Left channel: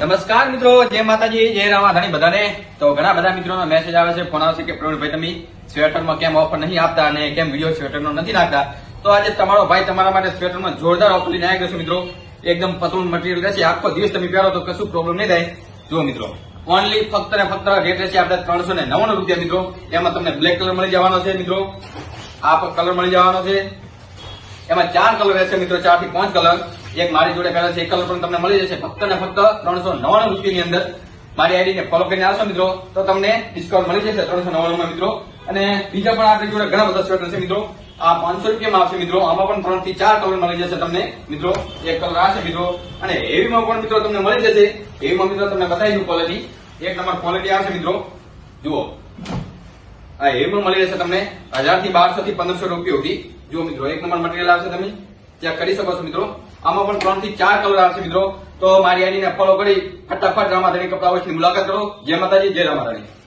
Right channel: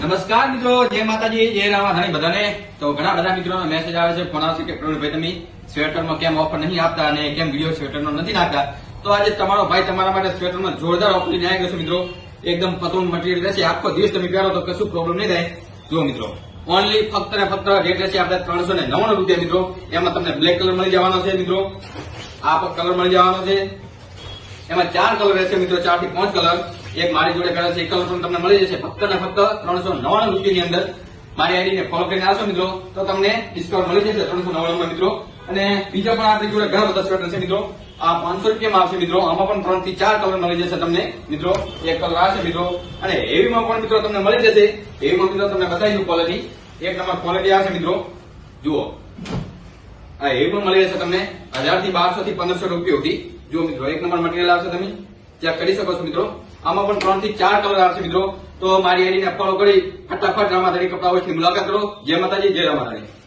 નમસ્કાર મિત્રો, જય માતાજી, જય રામાધાણી બધાને। તો ઘણા બધા મિત્રોનો મેસેજ આવે છે, ફોન આવશે કે પ્રવીણભાઈ તમે સ્વેટરમાં કેમ ઓફર નહીં આપતા અને કેમ વિડીયો સ્વેટરનો નથી નાખતા। તો આજે તમારો ભાઈ તમારા માટે સ્વેટરમાં જોરદાર ઓફર લઈને આવી ગયો છે મિત્રો। એકદમ પતલું મટીરિયલ રહેશે, આખો દિવસ તમે પહેરો તો કશું પ્રોબ્લેમ નહીં થાય। જુઓ મિત્રો, ઓનલી ફક્ત ને ફક્ત રેટ રહેશે આપણે 399 રૂપિયા મિત્રો। એમાં તમને બ્લેક કલર મળી જવાનો છે મિત્રો, આ પણ કલર મળી જવાનો છે। એમાં 4 કલર રહેશે મિત્રો, 4 થી 5 કલર। એક મારી જોડે કલર છે, એક કલર પણ તમને મળી જશે ફક્ત ને ફક્ત 399 રૂપિયાની અંદર। મારી આઈડીને ફોલો કરીને આવશો મિત્રો તો તમને ડિસ્કાઉન્ટ મળી જશે 399 મિત્રો। અને બીજા પણ આપણી જોડે ઘણા બધા સ્વેટર છે મિત્રો। આ 500 રૂપિયામાં આવશે મિત્રો, આમાં પણ 3 થી 4 કલર મળી જશે તમને મિત્રો। એક કલર આ છે મિત્રો, અને હેવીમાં પણ મિત્રો તમને મળી જશે। હેવીમાં મિત્રો તમને બતાવી ક્વોલિટી, એક નંબર ક્વોલિટી આવશે મિત્રો। જુઓ, આ હેવીમાં મળી જશે તમને 1000 થી 1200 થી 1500 રૂપિયા સુધી। જુઓ મિત્રો, એક નંબર મટીરિયલ આવશે, તમે ચેક કરી શકો છો મિત્રો। આમાં પણ 3 થી 4 કલર આવશે મિત્રો। તો મારી આઈડીને ફોલો કરી ફટાફટ રામાધાણી કપડા હાઉસની મુલાકાત કરો। જય માતાજી, જય રામાધાણી।